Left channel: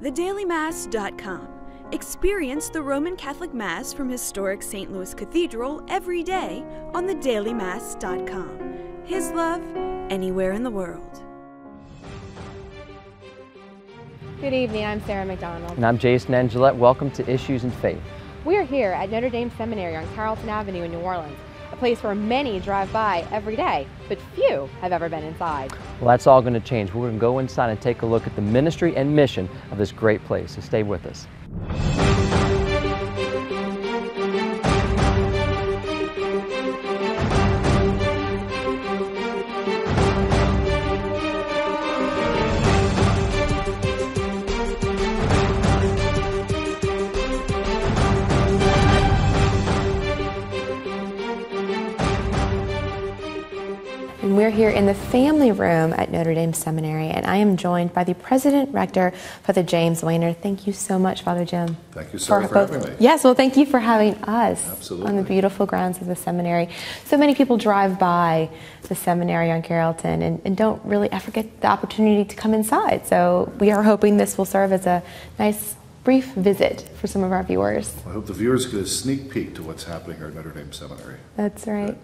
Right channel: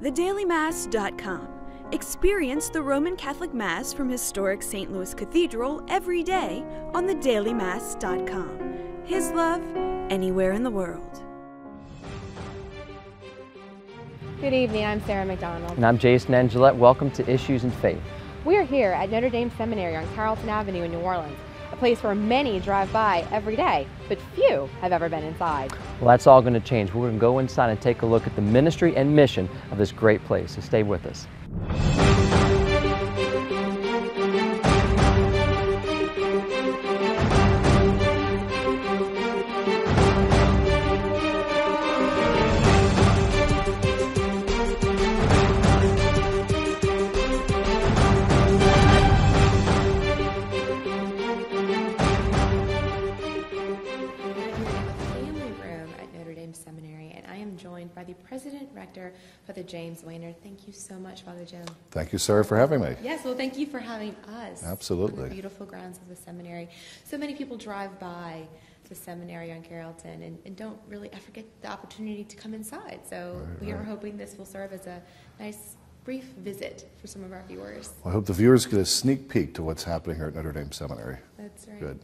thedailymass.com. Experience the Roman Catholic Mass from historic St. Louis Cathedral every day on thedailymass.com. His love, anywhere in the world. Good evening, I'm Sarah McDonald. And I'm Jason Angelette. Welcome to Issues and Faith. We are here at Notre Dame Seminary on Carrollton Avenue in New Orleans, a place where many drive by every day, but few have ever been inside. Well, that's all going to change. We're going to go inside and take a look at the ministry and mission of this great place. So stay with us. We're here in the family room at Notre Dame Seminary, and I am joined by the President Rector, Father James Weiner. Thank you so much, Father Jim. Thank you, Sarah, for having me. Yes, well, thank you for having us. Absolutely. On the beautiful grounds of the seminary. So many people drive by the seminary on Carrollton and don't really ever get the opportunity to come inside. So we are hoping this will serve as a nice brief visit for some of our viewers. I hope the viewers get a sneak peek to what's happening here at Notre Dame Seminary. That's right. Good.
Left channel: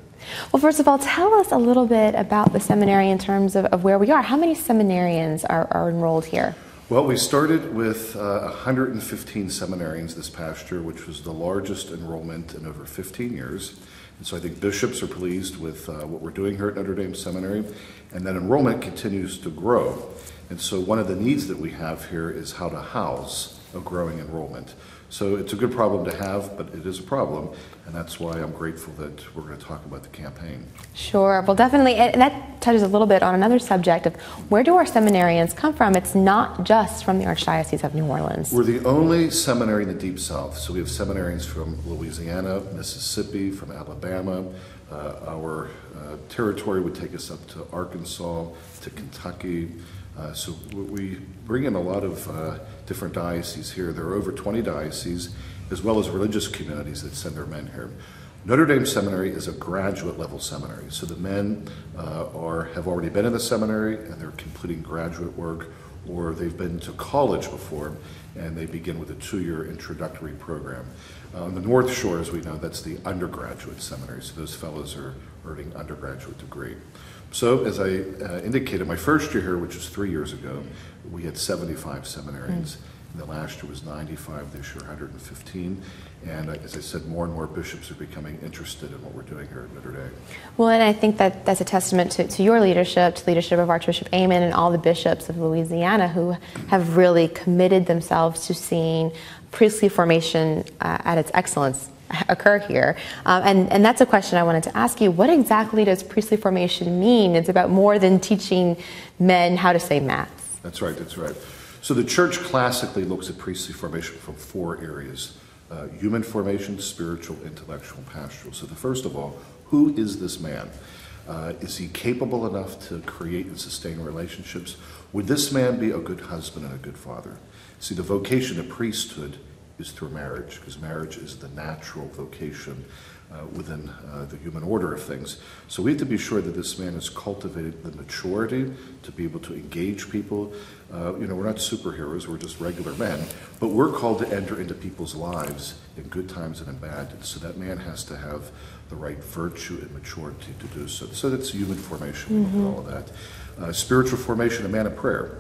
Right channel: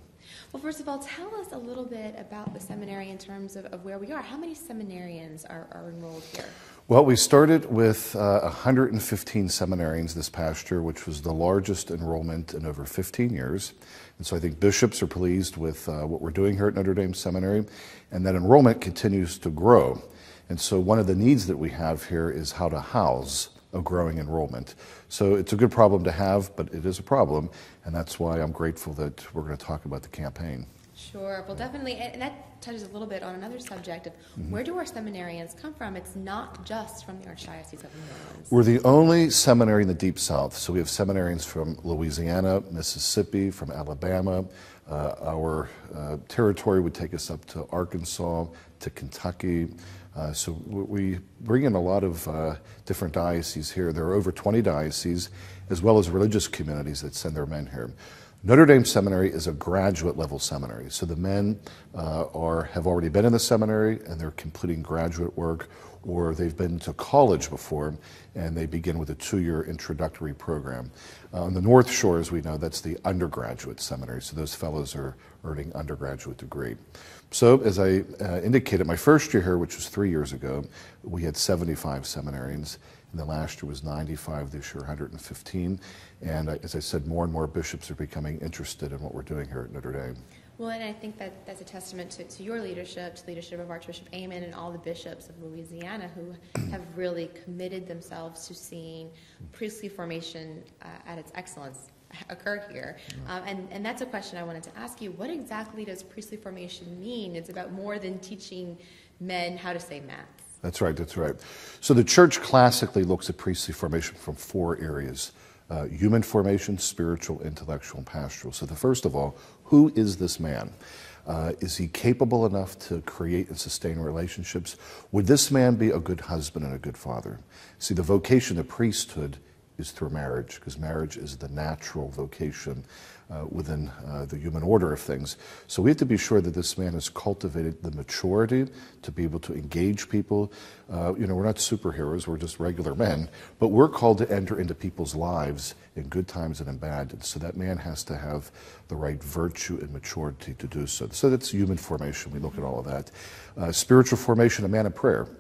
Well, first of all, tell us a little bit about the seminary in terms of where we are. How many seminarians are enrolled here? Well, we started with 115 seminarians this past year, which was the largest enrollment in over 15 years. And so I think bishops are pleased with what we're doing here at Notre Dame Seminary, and that enrollment continues to grow. And so one of the needs that we have here is how to house a growing enrollment. So it's a good problem to have, but it is a problem, and that's why I'm grateful that we're going to talk about the campaign. Sure, well definitely, and that touches a little bit on another subject of where do our seminarians come from? It's not just from the Archdiocese of New Orleans. We're the only seminary in the Deep South, so we have seminarians from Louisiana, Mississippi, from Alabama. Our territory would take us up to Arkansas, to Kentucky. So we bring in a lot of different dioceses here. There are over 20 dioceses, as well as religious communities that send their men here. Notre Dame Seminary is a graduate level seminary, so the men have already been in the seminary and they're completing graduate work, or they've been to college before and they begin with a 2-year introductory program. On the North Shore, as we know, that's the undergraduate seminary, so those fellows are earning undergraduate degree. So, as I indicated, my first year here, which was 3 years ago, we had 75 seminarians. And the last year was 95, this year 115. And as I said, more and more bishops are becoming interested in what we're doing here at Notre Dame. Well, and I think that that's a testament to your leadership, to the leadership of Archbishop Amen and all the bishops of Louisiana who have really committed themselves to seeing priestly formation at its excellence occur here. And that's a question I wanted to ask you. What exactly does priestly formation mean? It's about more than teaching men how to say Mass. That's right, that's right. So the Church classically looks at priestly formation from 4 areas: human formation, spiritual, intellectual, and pastoral. So the first of all, who is this man? Is he capable enough to create and sustain relationships? Would this man be a good husband and a good father? See, the vocation of priesthood is through marriage, because marriage is the natural vocation within the human order of things. So we have to be sure that this man has cultivated the maturity to be able to engage people. You know, we're not superheroes, we're just regular men, but we're called to enter into people's lives in good times and in bad. So that man has to have the right virtue and maturity to do so. So that's human formation, we look at all of that. Spiritual formation, a man of prayer.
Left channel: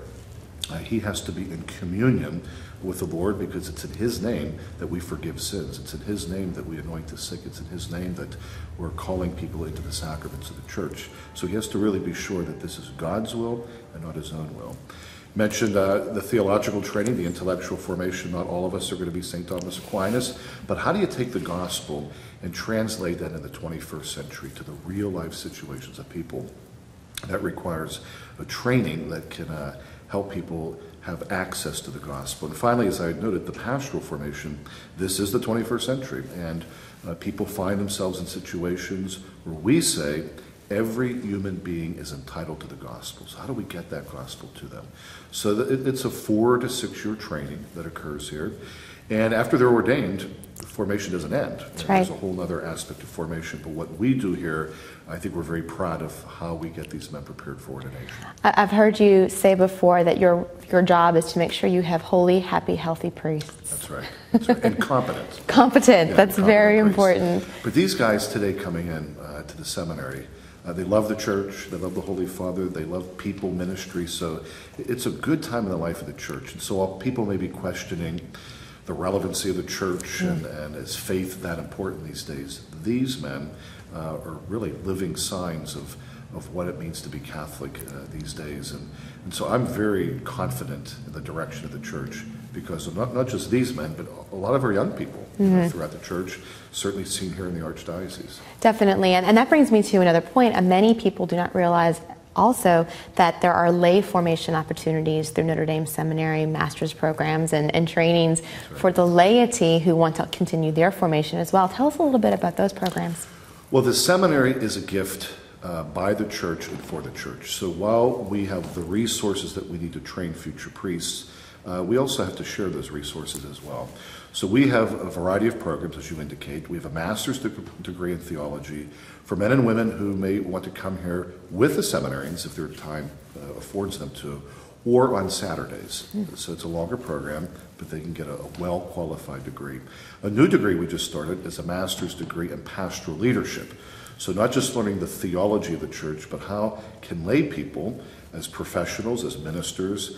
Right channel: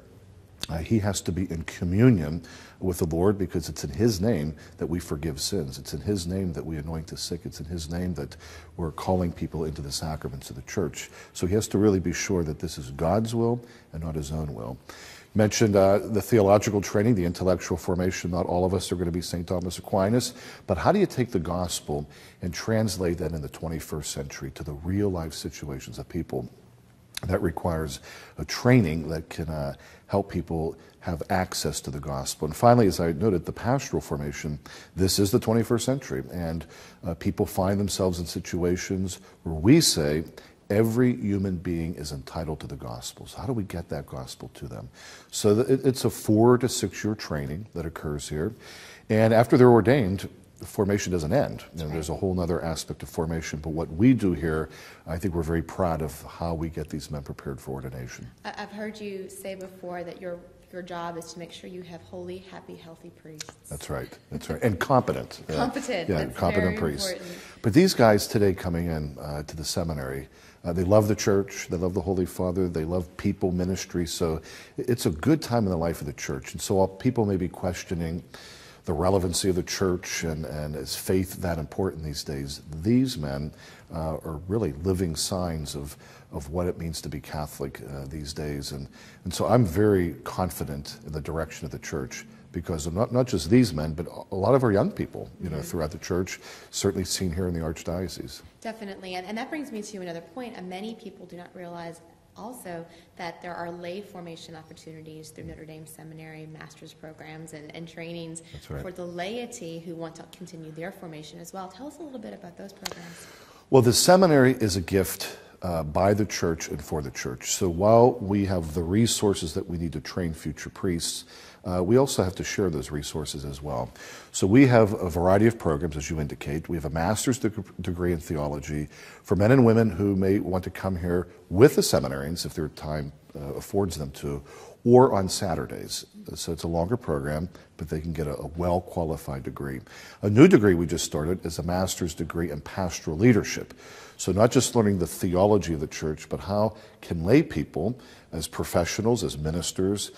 He has to be in communion with the Lord, because it's in His name that we forgive sins. It's in His name that we anoint the sick. It's in His name that we're calling people into the sacraments of the Church. So he has to really be sure that this is God's will and not his own will. Mentioned the theological training, the intellectual formation. Not all of us are going to be St. Thomas Aquinas, but how do you take the gospel and translate that in the 21st century to the real life situations of people? That requires a training that can help people have access to the gospel. And finally, as I noted, the pastoral formation. This is the 21st century, and people find themselves in situations where we say every human being is entitled to the gospel. So how do we get that gospel to them? So it's a 4 to 6 year training that occurs here. And after they're ordained, the formation doesn't end. Right. There's a whole other aspect of formation. But what we do here, I think we're very proud of how we get these men prepared for ordination. I've heard you say before that your job is to make sure you have holy, happy, healthy priests. That's right. That's right. And competent. Competent. Yeah, That's competent very priests. important. But these guys today coming in to the seminary, they love the church, they love the Holy Father, they love people, ministry. So it's a good time in the life of the church. And so while people may be questioning the relevancy of the church and is faith that important these days, these men are really living signs of what it means to be Catholic these days. And so I'm very confident in the direction of the church, because of not just these men, but a lot of our young people throughout the church, certainly seen here in the Archdiocese. Definitely. And that brings me to another point. Many people do not realize also that there are lay formation opportunities through Notre Dame Seminary, master's programs and trainings for the laity who want to continue their formation as well. Tell us a little bit about those programs. Well, the seminary is a gift by the church and for the church. So while we have the resources that we need to train future priests, we also have to share those resources as well. So we have a variety of programs, as you indicate. We have a master's degree in theology for men and women who may want to come here with the seminarians, if their time affords them to, or on Saturdays. So it's a longer program, but they can get a well-qualified degree. A new degree we just started is a master's degree in pastoral leadership. So not just learning the theology of the church, but how can lay people, as professionals, as ministers,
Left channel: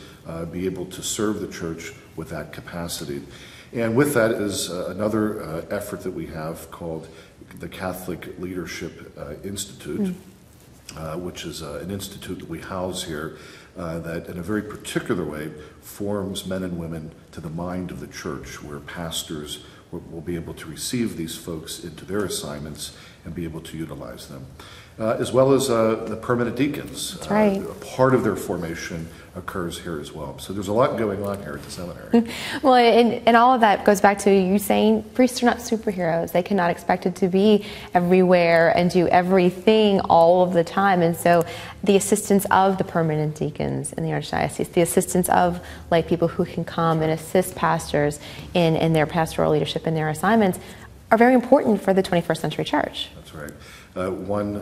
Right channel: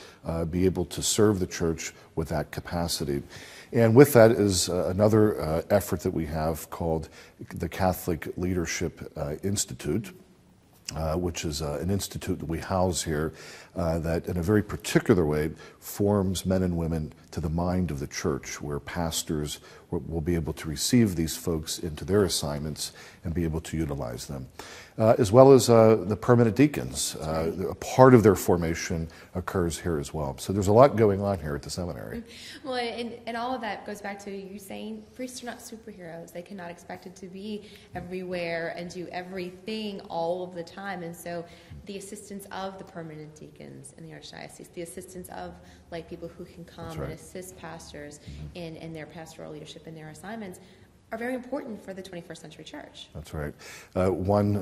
be able to serve the church with that capacity. And with that is another effort that we have called the Catholic Leadership Institute, which is an institute that we house here that in a very particular way forms men and women to the mind of the church, where pastors will be able to receive these folks into their assignments and be able to utilize them. As well as the permanent deacons. That's right. A part of their formation occurs here as well. So there's a lot going on here at the seminary. Well, and all of that goes back to you saying priests are not superheroes. They cannot expect it to be everywhere and do everything all of the time. And so the assistance of the permanent deacons in the Archdiocese, the assistance of lay people who can come and assist pastors in their pastoral leadership and their assignments are very important for the 21st century church. That's right. One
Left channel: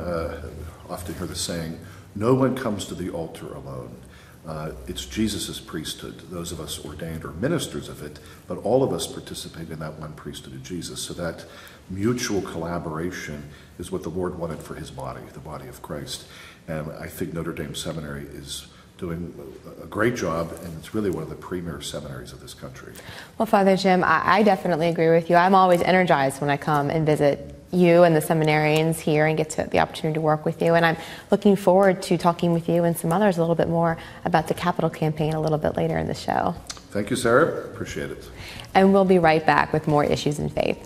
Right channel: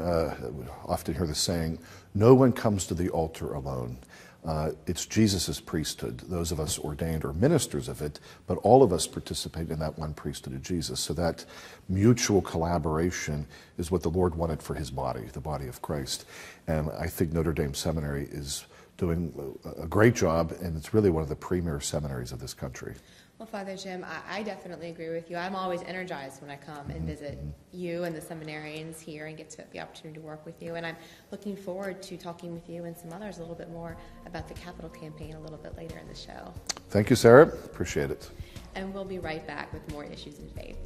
often hear the saying, no one comes to the altar alone. It's Jesus' priesthood. Those of us ordained are ministers of it, but all of us participate in that one priesthood of Jesus. So that mutual collaboration is what the Lord wanted for his body, the body of Christ. And I think Notre Dame Seminary is doing a great job, and it's really one of the premier seminaries of this country. Well, Father Jim, I definitely agree with you. I'm always energized when I come and visit you and the seminarians here and get the opportunity to work with you. And I'm looking forward to talking with you and some others a little bit more about the capital campaign a little bit later in the show. Thank you, Sarah. Appreciate it. And we'll be right back with more Issues in Faith.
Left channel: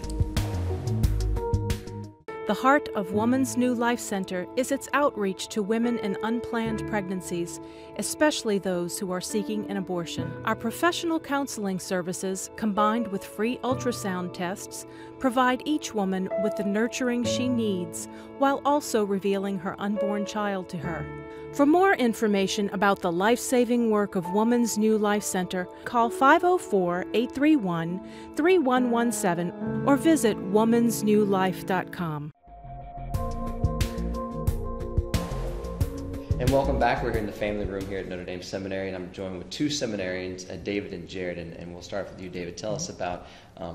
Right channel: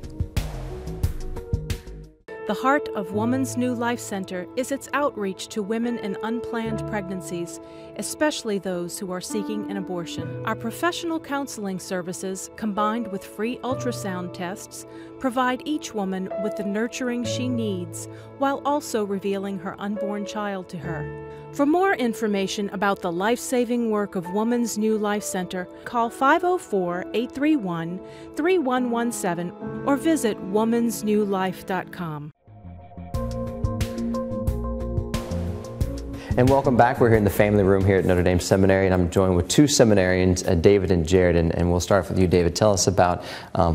The heart of Woman's New Life Center is its outreach to women in unplanned pregnancies, especially those who are seeking an abortion. Our professional counseling services, combined with free ultrasound tests, provide each woman with the nurturing she needs while also revealing her unborn child to her. For more information about the life-saving work of Woman's New Life Center, call 504-831-3117 or visit womansnewlife.com. And welcome back. We're here in the family room here at Notre Dame Seminary, and I'm joined with two seminarians, David and Jared, and we'll start with you, David. Tell us about,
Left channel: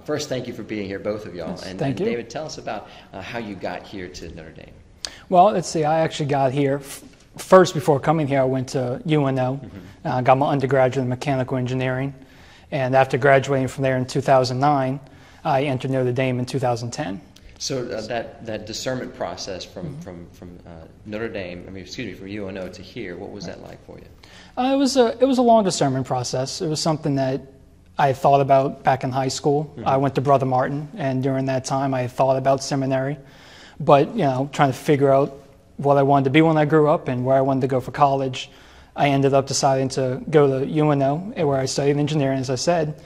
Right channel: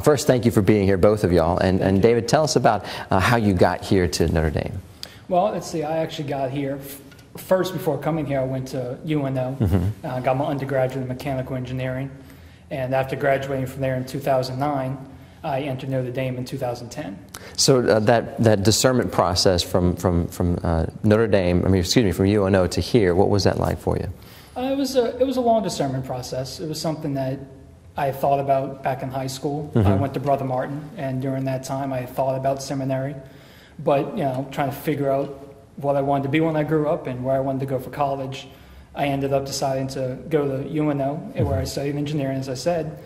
first, thank you for being here, both of y'all, and David, tell us about how you got here to Notre Dame. Well, let's see, I actually got here, first before coming here, I went to UNO, got my undergraduate in mechanical engineering, and after graduating from there in 2009, I entered Notre Dame in 2010. So that discernment process from Notre Dame, from UNO to here, what was that like for you? It was a long discernment process. It was something that I thought about back in high school. I went to Brother Martin, and during that time I thought about seminary, but trying to figure out what I wanted to be when I grew up and where I wanted to go for college. I ended up deciding to go to UNO, where I studied engineering, as I said.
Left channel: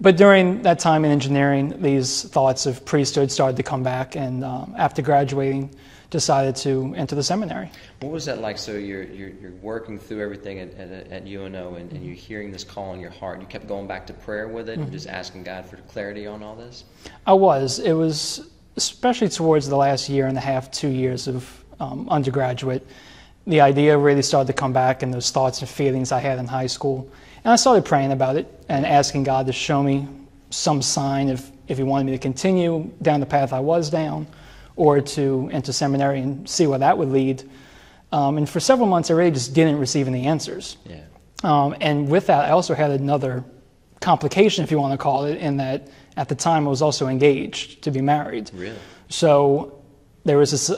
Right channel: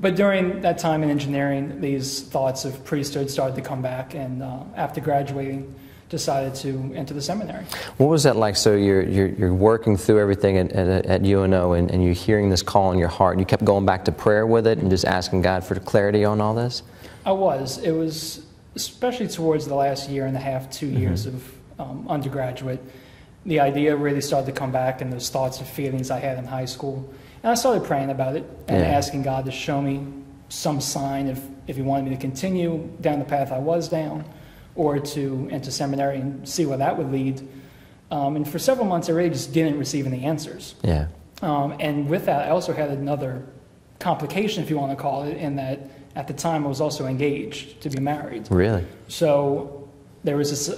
But during that time in engineering, these thoughts of priesthood started to come back, and after graduating decided to enter the seminary. What was that like? So you're working through everything at UNO, and you're hearing this call in your heart. You kept going back to prayer with it and just asking God for clarity on all this? I was. It was especially towards the last year and a half, 2 years of undergraduate. The idea really started to come back, and those thoughts and feelings I had in high school. And I started praying about it and asking God to show me some sign if He wanted me to continue down the path I was down, or to enter seminary and see where that would lead. And for several months, I really just didn't receive any answers. Yeah. And with that, I also had another complication, if you want to call it, in that at the time I was also engaged to be married. Really? So there was this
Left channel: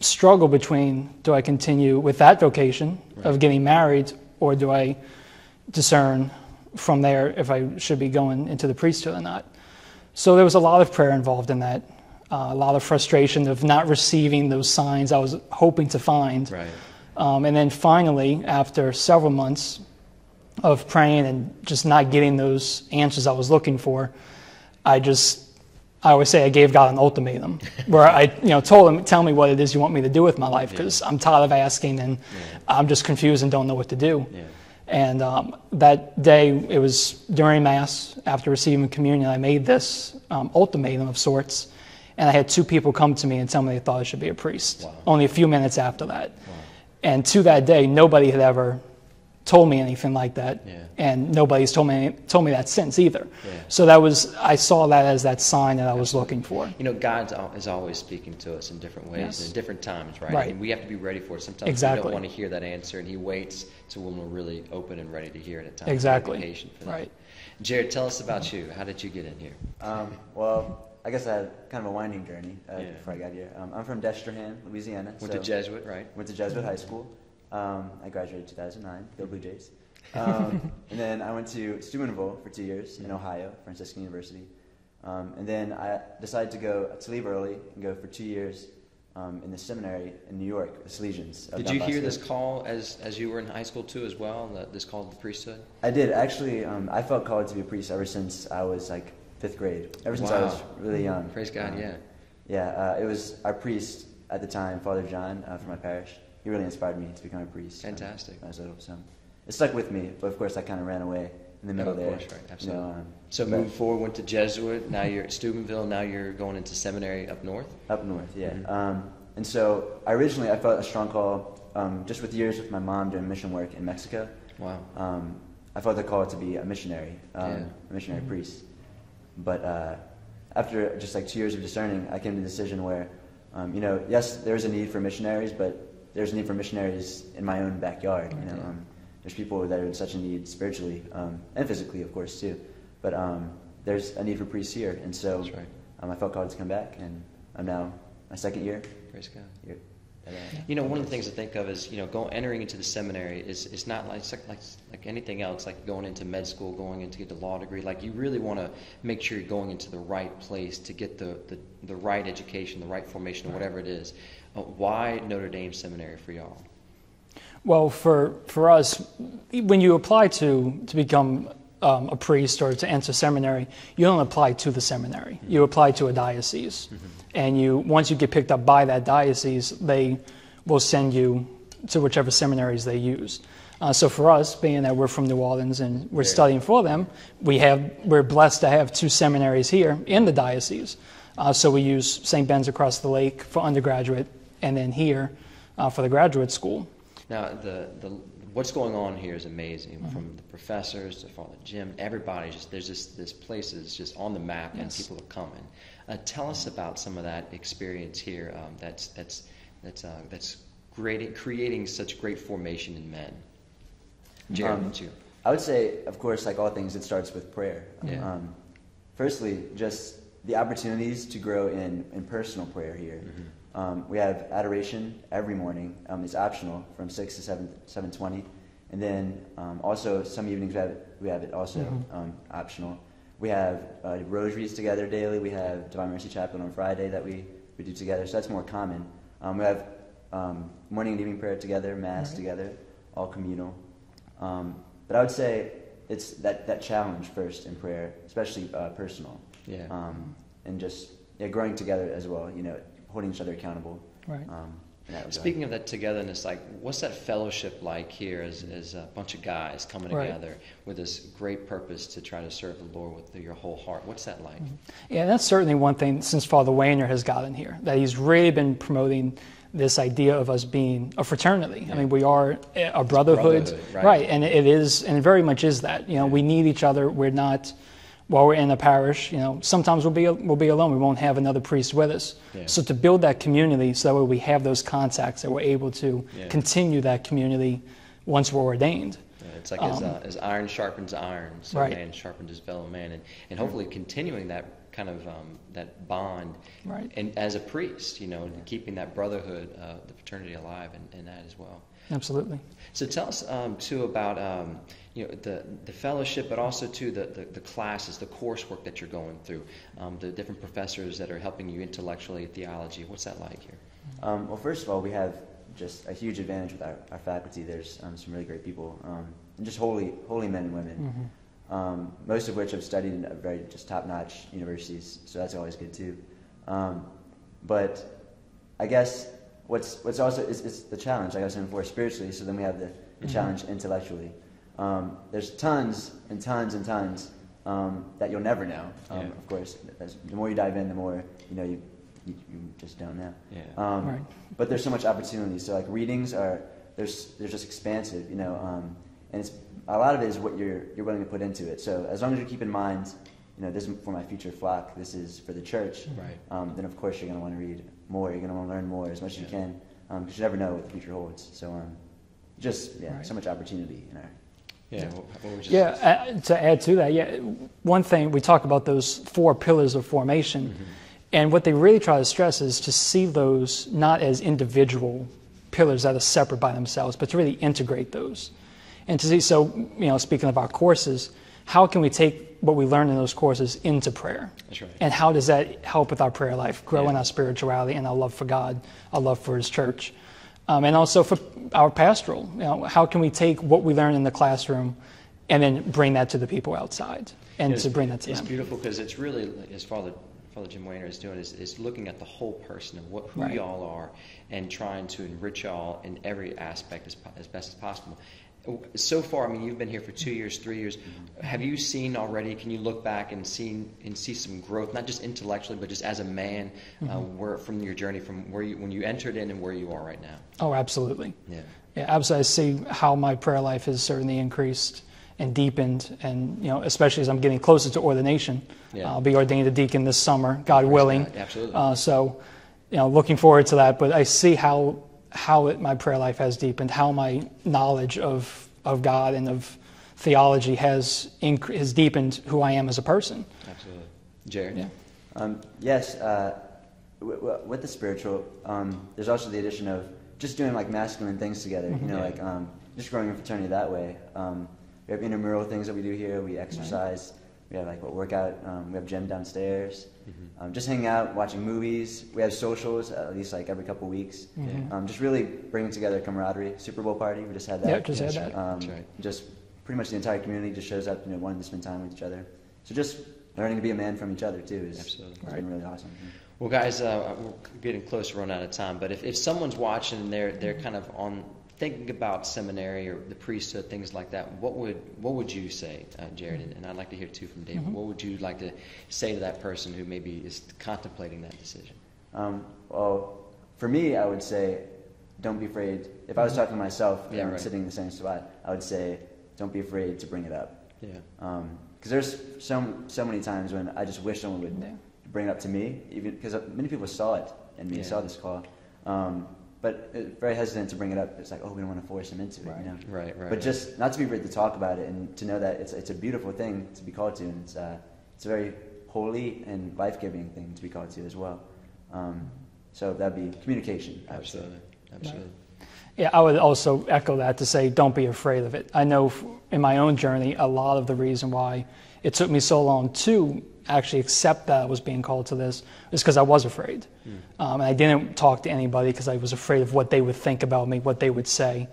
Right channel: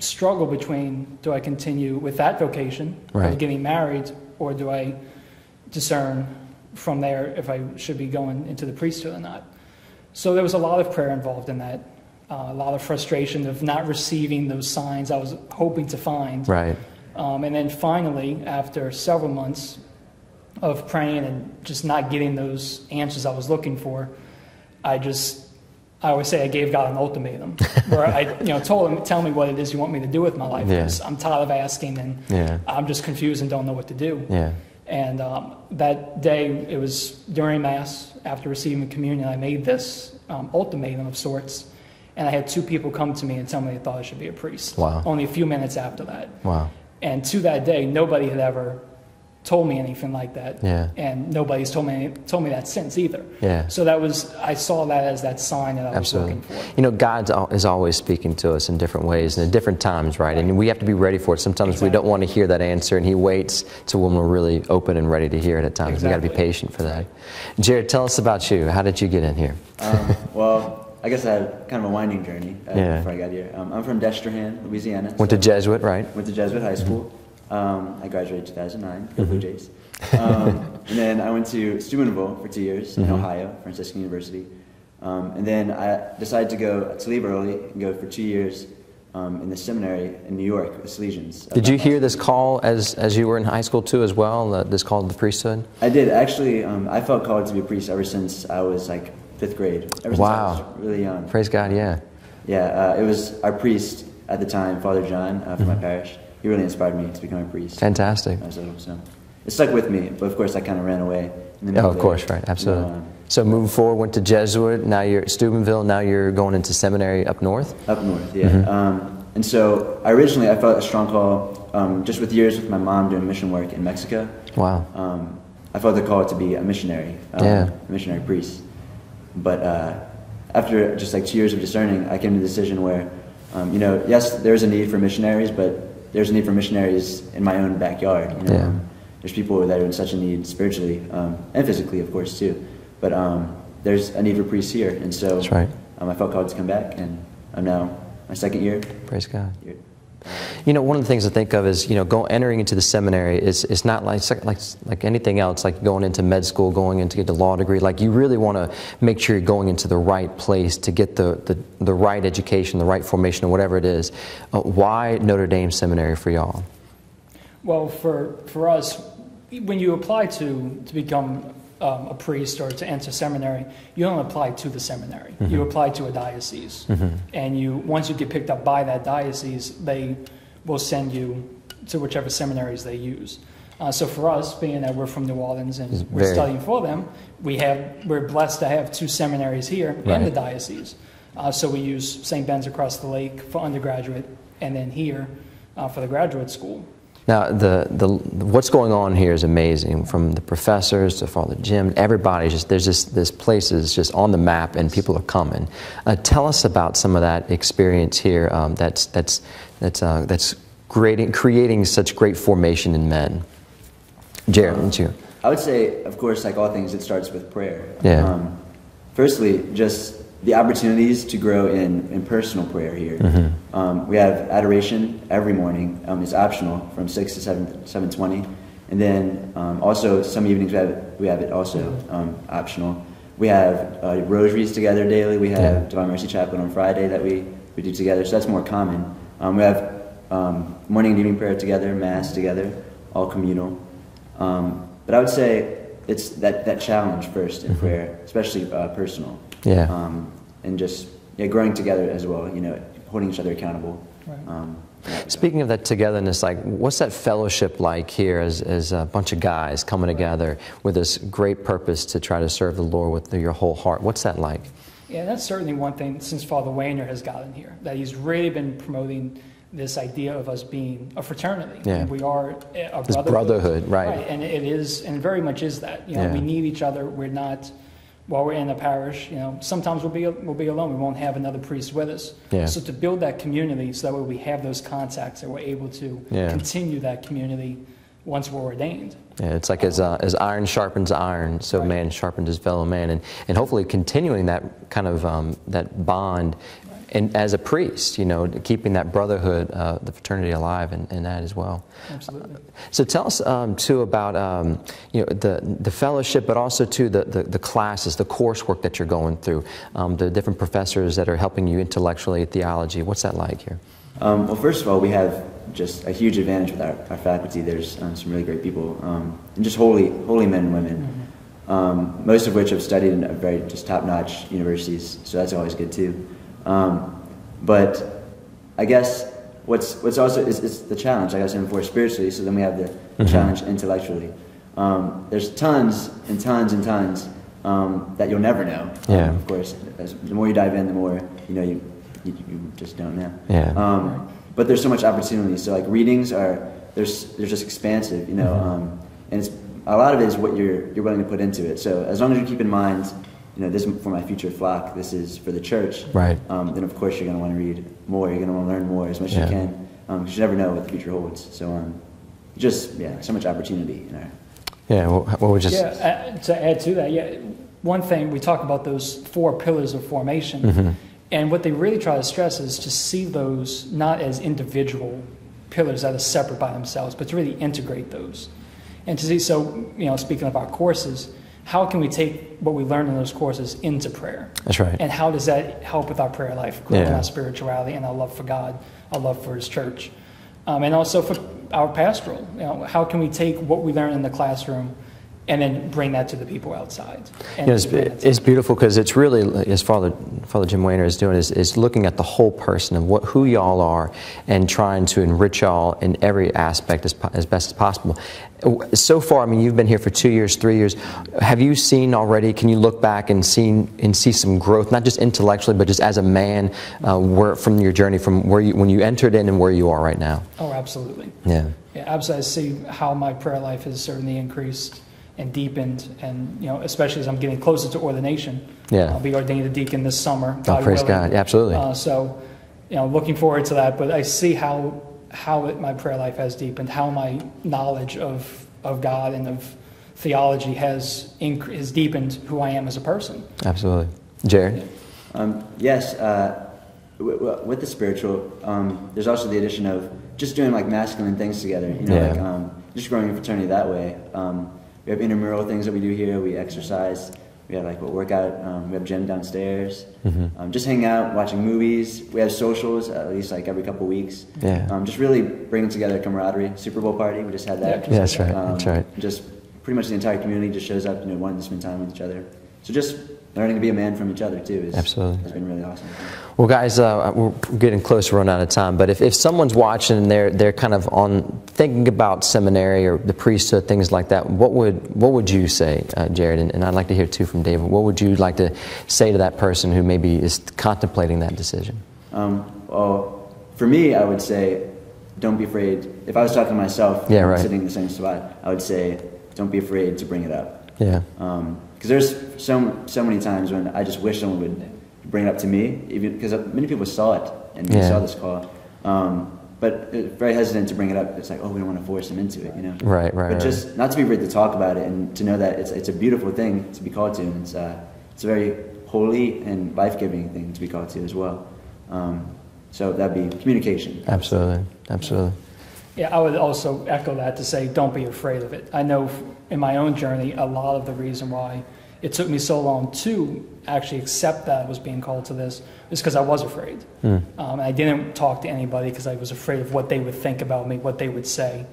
struggle between, do I continue with that vocation of getting married, or do I discern from there if I should be going into the priesthood or not? So there was a lot of prayer involved in that. A lot of frustration of not receiving those signs I was hoping to find. Right. And then finally, after several months of praying and just not getting those answers I was looking for, I would say I gave God an ultimatum, where I told Him, tell me what it is you want me to do with my life, because I'm tired of asking, and I'm just confused and don't know what to do. Yeah. And that day, it was during Mass, after receiving communion, I made this ultimatum of sorts. And I had 2 people come to me and tell me they thought I should be a priest. Wow. Only a few minutes after that. Wow. And to that day, nobody had ever told me anything like that. Yeah. And nobody's told me that since either. Yeah. So I saw that as that sign that I was looking for. God is always speaking to us in different ways and at different times, right? And we have to be ready for it. Sometimes we don't want to hear that answer, and He waits till when we're really open and ready to hear it at times. Exactly. We got to be patient for that. Right. Jared, tell us about you. How did you get in here? Well, I guess I had kind of a winding journey before I got here. I'm from Destrehan, Louisiana. Went to Jesuit, right? Went to Jesuit High School. I graduated in 2009, go Blue Jays. And then I went to Steubenville for 2 years in Ohio, Franciscan University. And then I decided to leave early and go for 2 years in the seminary in New York, the Salesians. Did you hear this call as you were in high school too, as well? This call to the priesthood? I did actually. I felt called to be a priest ever since I was like 5th grade. Ever since I was really young. Praise God, yeah. Yeah, it was our priest at the time, Father John, from my parish. He really inspired me to become a priest. Fantastic. So it stuck with me, but of course I kind of ran away. In the middle of course, right, absolutely. So moving forward, went to Jesuit, now you're at Steubenville, now you're going into seminary up north? Up north, yeah. And so I felt a strong call, just with years with my mom doing mission work in Mexico. Wow. I felt the call to be a missionary, a missionary priest. But after just like 2 years of discerning, I came to the decision where, yes, there's a need for missionaries, but there's a need for missionaries in my own backyard. There's people that are in such a need spiritually and physically, of course, too. But there's a need for priests here, and so that's right. I felt called to come back, and I'm now my 2nd year. Praise God. Here. One of the things I think of is, entering into the seminary is not like anything else, like going into med school, going in to get the law degree. Like, you really want to make sure you're going into the right place to get the right education, the right formation, or whatever it is. Why Notre Dame Seminary for y'all? Well, for us, when you apply to become a priest or to enter seminary, you don't apply to the seminary. You apply to a diocese. And once you get picked up by that diocese, they will send you to whichever seminaries they use. So for us, being that we're from New Orleans and we're studying for them, we're blessed to have 2 seminaries here in the diocese. So we use St. Ben's across the lake for undergraduate, and then here for the graduate school. Now, what's going on here is amazing. From the professors to Father Jim, everybody, this place is just on the map, and people are coming. Tell us about some of that experience here. That's creating such great formation in men. Jared, what's you? I would say, of course, like all things, it starts with prayer. Yeah. Firstly, just the opportunities to grow in personal prayer here. We have adoration every morning. It's optional from 6 to 7:20, and then also some evenings we have it also optional. We have rosaries together daily. We have Divine Mercy Chaplet on Friday that we do together, so that's more common. We have morning and evening prayer together, Mass together, all communal. But I would say it's that challenge first in prayer, especially personal. Yeah. And just growing together as well, holding each other accountable. Speaking of that togetherness, like, what's that fellowship like here as a bunch of guys coming together with this great purpose to try to serve the Lord with your whole heart? What's that like? Yeah, that's certainly one thing since Father Wayner has gotten here, that he's really been promoting this idea of us being a fraternity. Yeah. I mean, we are a brotherhood. Right. And it is, and it very much is that. You know, we need each other. We're not, while we're in a parish, you know, sometimes we'll be alone. We won't have another priest with us. Yeah. So to build that community, so that way we have those contacts, that we're able to continue that community once we're ordained. Yeah, it's like as iron sharpens iron, so man sharpens his fellow man, and hopefully continuing that kind of that bond, and as a priest, you know, keeping that brotherhood, the fraternity alive, and that as well. Absolutely. So tell us too about you know, the fellowship, but also too the classes, the coursework that you're going through, the different professors that are helping you intellectually at theology. What's that like here? Well, first of all, we have just a huge advantage with our faculty. There's some really great people, and just holy men and women, most of which have studied in very just top-notch universities, so that's always good too. But I guess what's also is the challenge, like I was saying before, spiritually, so then we have the challenge intellectually. There's tons and tons and tons that you'll never know. Of course, the more you dive in, the more you just don't know. But there's so much opportunity. So like readings they're just expansive, you know, and it's, a lot of it is what you're willing to put into it. So as long as you keep in mind, you know, this is for my future flock, this is for the church. Right. Then of course you're going to want to read more. You're going to want to learn more as much as you can, because you never know what the future holds. So just so much opportunity in our. Yeah. What would just. Yeah. To add to that, one thing we talk about, those 4 pillars of formation. And what they really try to stress is to see those not as individual pillars that are separate by themselves, but to really integrate those. And to see, so, you know, speaking of our courses, how can we take what we learn in those courses into prayer? That's right. And how does that help with our prayer life, grow in our spirituality and our love for God, our love for His church? And also for our pastoral, you know, how can we take what we learn in the classroom and then bring that to the people outside. And it's beautiful because it's really, as Father Jim Wayner is doing, is looking at the whole person of who y'all are and trying to enrich y'all in every aspect as best as possible. So far, I mean, you've been here for 2 years, 3 years. Have you seen already, can you look back and see some growth, not just intellectually, but just as a man, from your journey, from when you entered in and where you are right now? Oh, absolutely. Yeah, absolutely. I see how my prayer life has certainly increased and deepened, and you know, especially as I'm getting closer to ordination. I'll be ordained a deacon this summer, God willing. God. Absolutely. So, you know, looking forward to that. But I see how my prayer life has deepened, how my knowledge of God and of theology has deepened who I am as a person. Absolutely. Jared? Yes. With the spiritual, there's also the addition of just doing like masculine things together. You know, like just growing a fraternity that way. We have intramural things that we do here. We exercise. We have like a workout. We have gym downstairs. Just hanging out, watching movies. We have socials at least like every couple of weeks. Just really bringing together camaraderie. Super Bowl party. We just had that. Yeah, that's right. That's right. Just pretty much the entire community just shows up, you know, wanting to spend time with each other. So just learning to be a man from each other too has been really awesome. Well, guys, we're getting close to running out of time. But if someone's watching and they're kind of thinking about seminary or the priesthood, things like that, what would you say, Jared? And I'd like to hear too from David. What would you like to say to that person who maybe is contemplating that decision? Well, for me, I would say, don't be afraid. If I was talking to myself, sitting in the same spot, I would say, don't be afraid to bring it up. Yeah. Because there's so many times when I just wish someone would bring it up to me, even because many people saw it and they saw this call, but very hesitant to bring it up. It's like, oh, we don't want to force them into it, you know. Right. But just not to be afraid to talk about it and to know that it's a beautiful thing to be called to, and it's a very holy and life-giving thing to be called to as well. So that'd be communication. Absolutely. Yeah, I would also echo that to say, don't be afraid of it. I know in my own journey, a lot of the reason why it took me so long to actually accept that I was being called to this is because I was afraid. I didn't talk to anybody because I was afraid of what they would think about me, what they would say.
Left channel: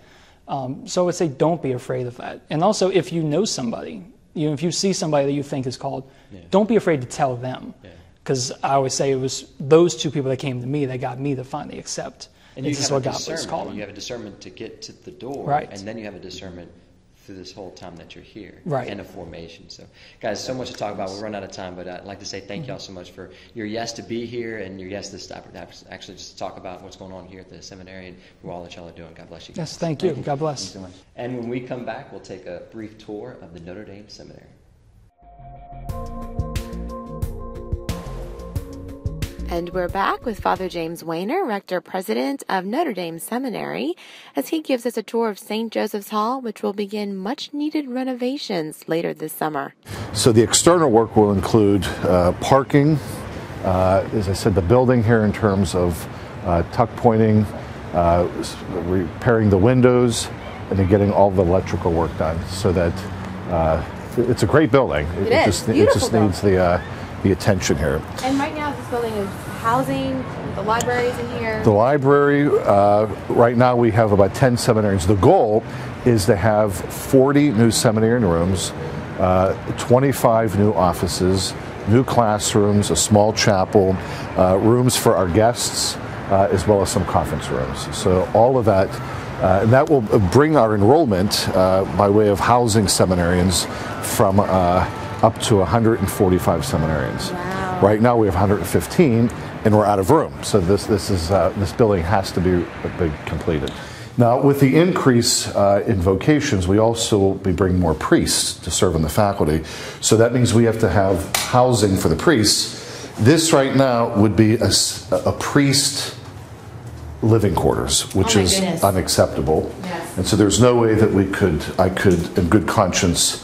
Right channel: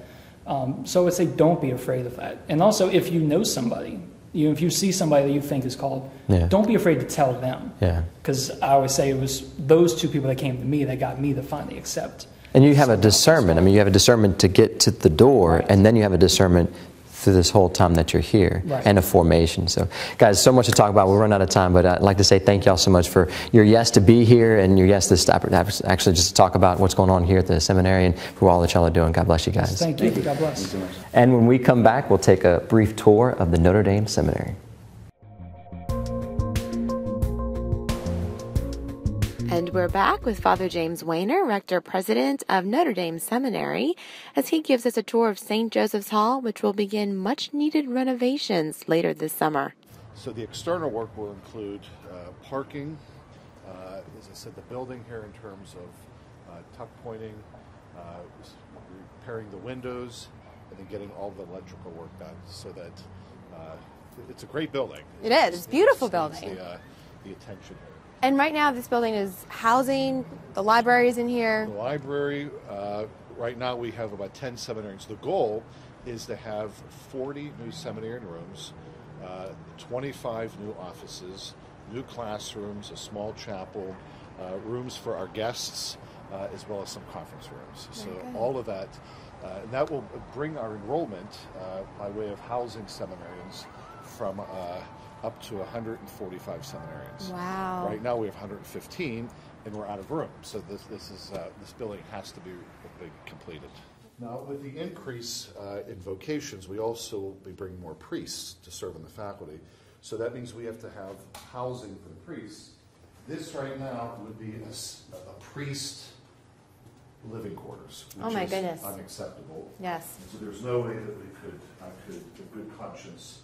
So I would say, don't be afraid of that. And also, if you know somebody If you see somebody that you think is called, Yeah. don't be afraid to tell them. Yeah. Because I always say it was those two people that came to me that got me to finally accept. And you have a discernment. I mean, you have a discernment to get to the door, Right. and then you have a discernment through this whole time that you're here, Right. and a formation. So, guys, so much to talk about. We'll run out of time, but I'd like to say thank y'all so much for your yes to be here and your yes to stop, actually just to talk about what's going on here at the seminary and for all that y'all are doing. God bless you guys. Yes, thank you. God bless. Thanks so much. And when we come back, we'll take a brief tour of the Notre Dame Seminary. And we're back with Father James Weiner, Rector President of Notre Dame Seminary, as he gives us a tour of St. Joseph's Hall, which will begin much-needed renovations later this summer. So the external work will include parking, as I said, the building here in terms of tuck pointing, repairing the windows, and then getting all the electrical work done so that it's a great building. It is. It just needs the attention here. And right now this building is housing, the library's in here. The library, right now we have about 10 seminarians. The goal is to have 40 new seminarian rooms, 25 new offices, new classrooms, a small chapel, rooms for our guests, as well as some conference rooms. So all of that, and that will bring our enrollment by way of housing seminarians from up to 145 seminarians. Wow. Right now we have 115, and we're out of room. So this building has to be completed. Now, with the increase in vocations, we also will be bringing more priests to serve in the faculty. So that means we have to have housing for the priests. This right now would be a priest living quarters, which is unacceptable. Yes. And so there's no way that I could, in good conscience,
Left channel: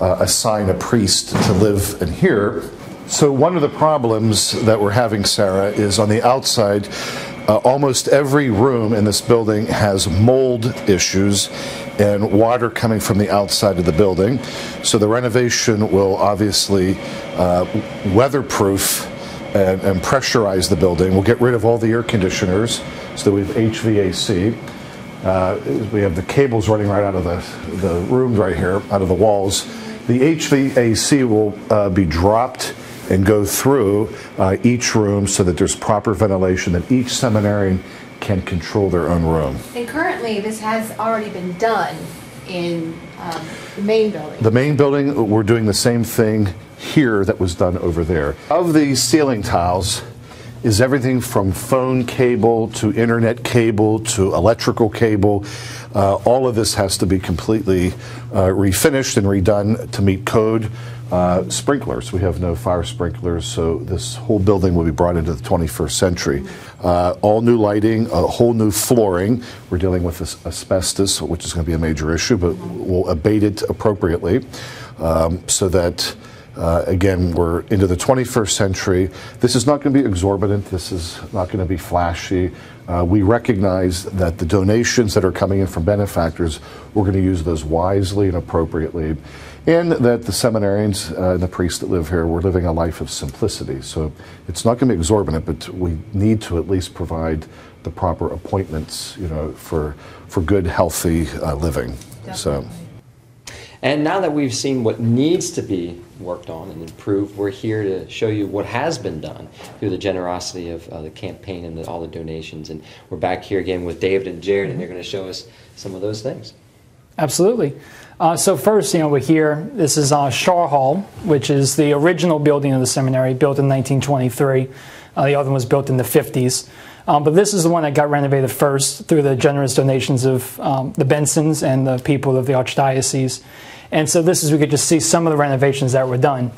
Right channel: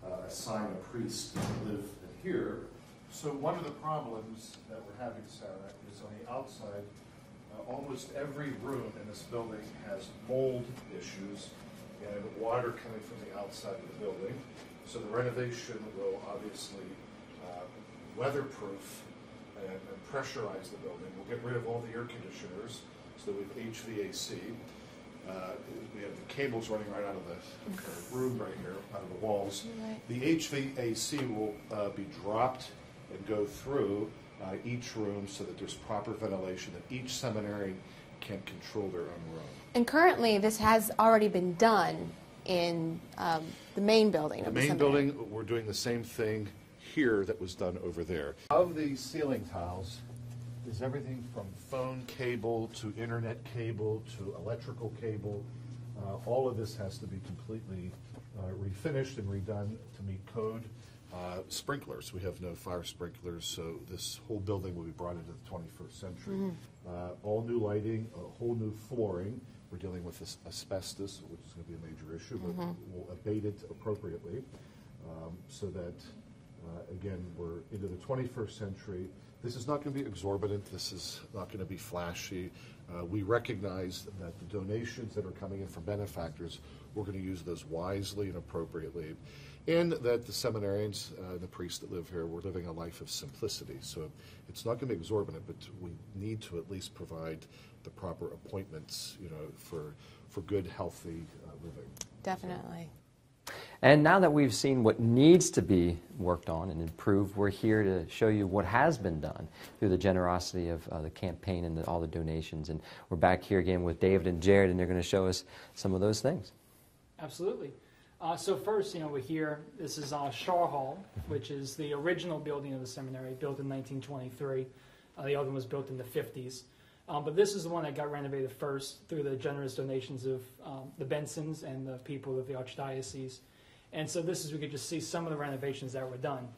assign a priest to live in here. So one of the problems that we're having, Sarah, is on the outside, almost every room in this building has mold issues and water coming from the outside of the building. So the renovation will obviously weatherproof and pressurize the building. We'll get rid of all the air conditioners so that we have HVAC. We have the cables running right out of the rooms right here, out of the walls. The HVAC will be dropped and go through each room so that there's proper ventilation, that each seminarian can control their own room. And currently this has already been done in the main building. The main building, we're doing the same thing here that was done over there. Of the ceiling tiles is everything from phone cable to internet cable to electrical cable. All of this has to be completely refinished and redone to meet code. Sprinklers, we have no fire sprinklers, so this whole building will be brought into the 21st century. All new lighting, a whole new flooring. We're dealing with asbestos, which is going to be a major issue, but we'll abate it appropriately so that again, we're into the 21st century. This is not going to be exorbitant. This is not going to be flashy. We recognize that the donations that are coming in from benefactors, we're going to use those wisely and appropriately. And that the seminarians and the priests that live here, we're living a life of simplicity. So it's not going to be exorbitant, but we need to at least provide the proper appointments, for good, healthy living. Definitely. So. And now that we've seen what needs to be worked on and improved, we're here to show you what has been done through the generosity of the campaign and all the donations. And we're back here again with David and Jared, and they're going to show us some of those things. Absolutely. So first, we're here. This is Shaw Hall, which is the original building of the seminary, built in 1923. The other one was built in the 50s. But this is the one that got renovated first through the generous donations of the Bensons and the people of the Archdiocese. And so we could just see some of the renovations that were done.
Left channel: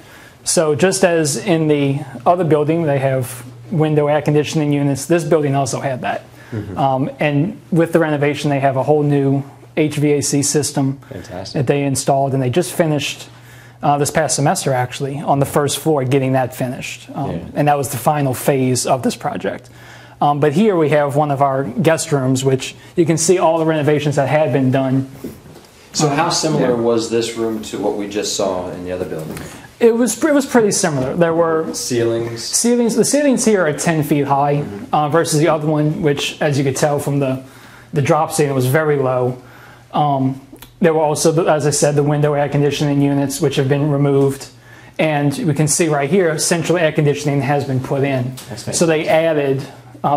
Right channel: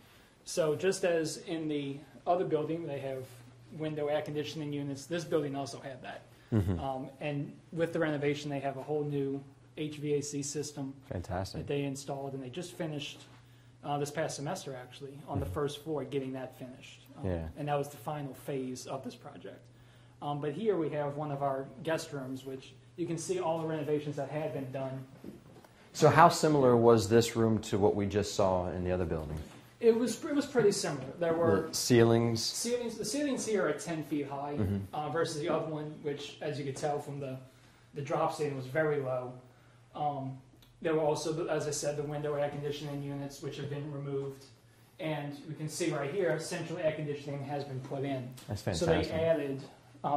So just as in the other building, they have window air conditioning units, this building also had that. Mm-hmm. And with the renovation, they have a whole new HVAC system that they installed, and they just finished this past semester, actually, on the first floor, getting that finished. And that was the final phase of this project. But here we have one of our guest rooms, which you can see all the renovations that had been done. So how similar was this room to what we just saw in the other building? It was pretty similar. There were ceilings. The ceilings here are 10 feet high, versus the other one, which, as you could tell from the drop ceiling, was very low. There were also, as I said, the window air conditioning units, which have been removed. And we can see right here, central air conditioning has been put in. So they added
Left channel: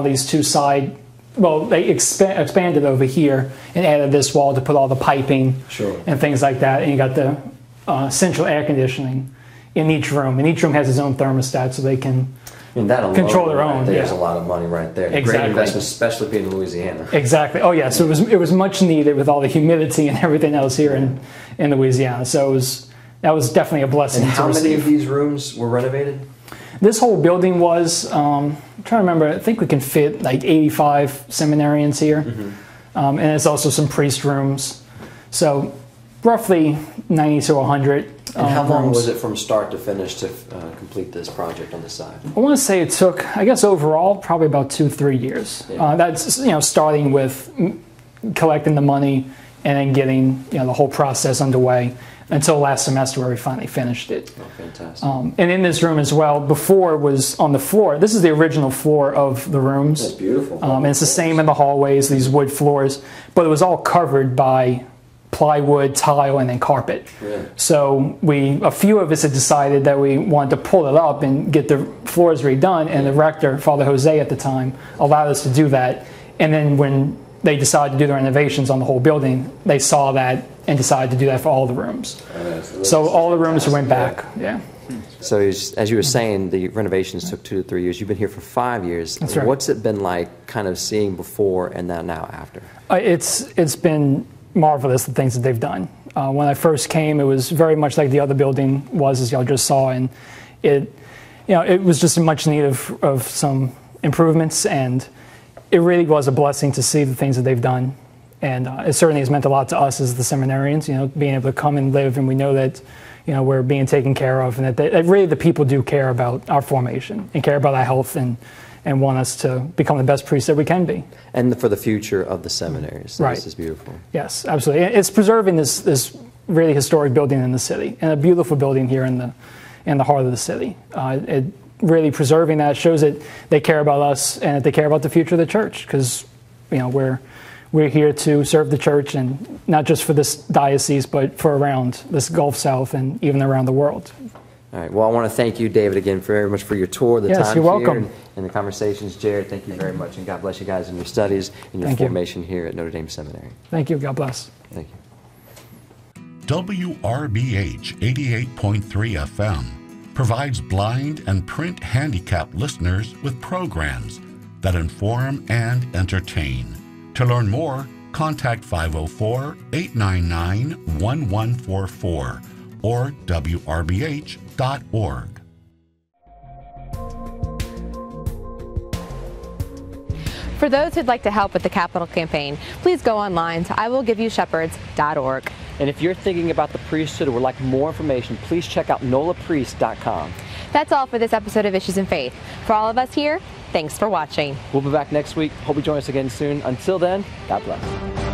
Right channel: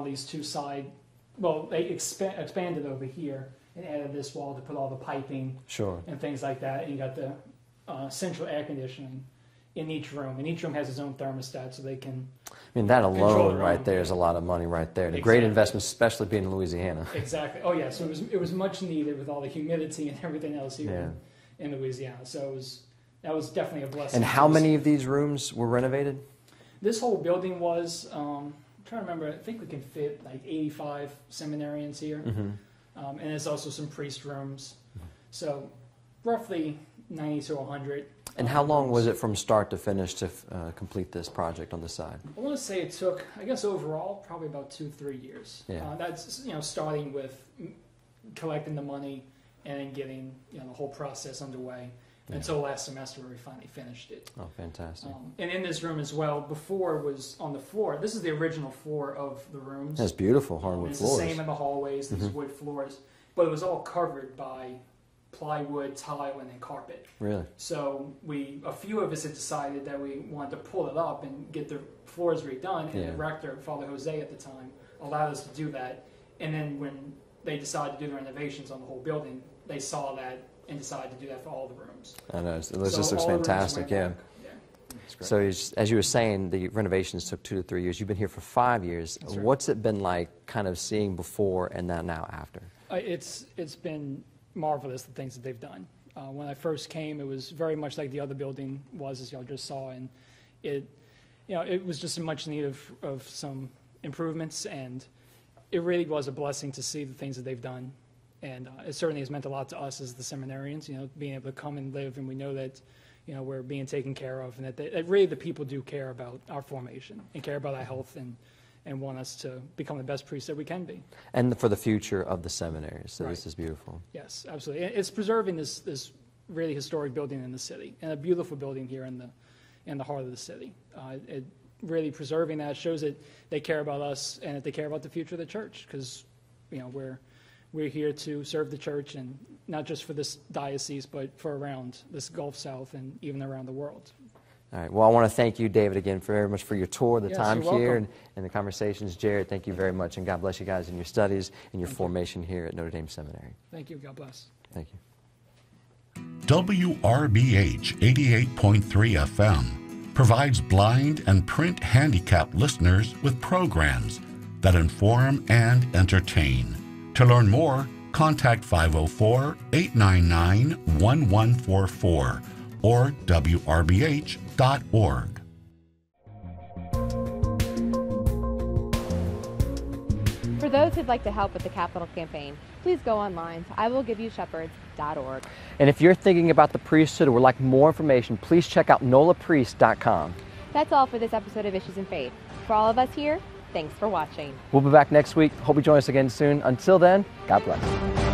these two side, well, they expanded over here and added this wall to put all the piping and things like that. And you got the central air conditioning in each room. And each room has its own thermostat, so they can control their own. There's a lot of money right there. Exactly. Great investment, especially being in Louisiana. Exactly. Oh yeah. So it was much needed with all the humidity and everything else here in Louisiana. So that was definitely a blessing. And how many of these rooms were renovated? This whole building was, I'm trying to remember, I think we can fit like 85 seminarians here. And there's also some priest rooms. So roughly 90 to 100 And how long was it from start to finish to complete this project on the side? I want to say it took, I guess overall, probably about 2-3 years. Yeah. That's, starting with collecting the money and then getting, the whole process underway until last semester where we finally finished it. Oh, fantastic. And in this room as well, before it was on the floor. This is the original floor of the rooms. That's beautiful. And it's the same in the hallways, these wood floors, but it was all covered by plywood, tile, and then carpet. Yeah. So a few of us had decided that we wanted to pull it up and get the floors redone, and the rector, Father Jose at the time, allowed us to do that. And then when they decided to do the renovations on the whole building, they saw that and decided to do that for all the rooms. So all the rooms went back. Yeah. So as you were saying, the renovations took 2 to 3 years. You've been here for 5 years. That's right. What's it been like kind of seeing before and now after? It's been marvelous, the things that they've done. When I first came, it was very much like the other building was, as y'all just saw, and it was just in much need of some improvements, and it really was a blessing to see the things that they've done. And it certainly has meant a lot to us as the seminarians, being able to come and live, and we know that, we're being taken care of, and that really the people do care about our formation and care about our health and want us to become the best priests that we can be. And for the future of the seminaries. So right. This is beautiful. Yes, absolutely. It's preserving this really historic building in the city, and a beautiful building here in the heart of the city. It really preserving that shows that they care about us and that they care about the future of the church, because we're here to serve the church, and not just for this diocese, but for around this Gulf South and even around the world. All right. Well, I want to thank you, David, again very much for your tour, the time you're here, welcome. And the conversations. Jared, thank you very much, and God bless you guys in your studies and your formation here at Notre Dame Seminary. Thank you. God bless. Thank you. WRBH 88.3 FM provides blind and print handicapped listeners with programs that inform and entertain. To learn more, contact 504-899-1144 or wrbh.org. For those who'd like to help with the capital campaign, please go online to iwillgiveyoушepherds.org. And if you're thinking about the priesthood or would like more information, please check out nolapriest.com. That's all for this episode of Issues and Faith. For all of us here, thanks for watching. We'll be back next week. Hope you join us again soon. Until then, God bless.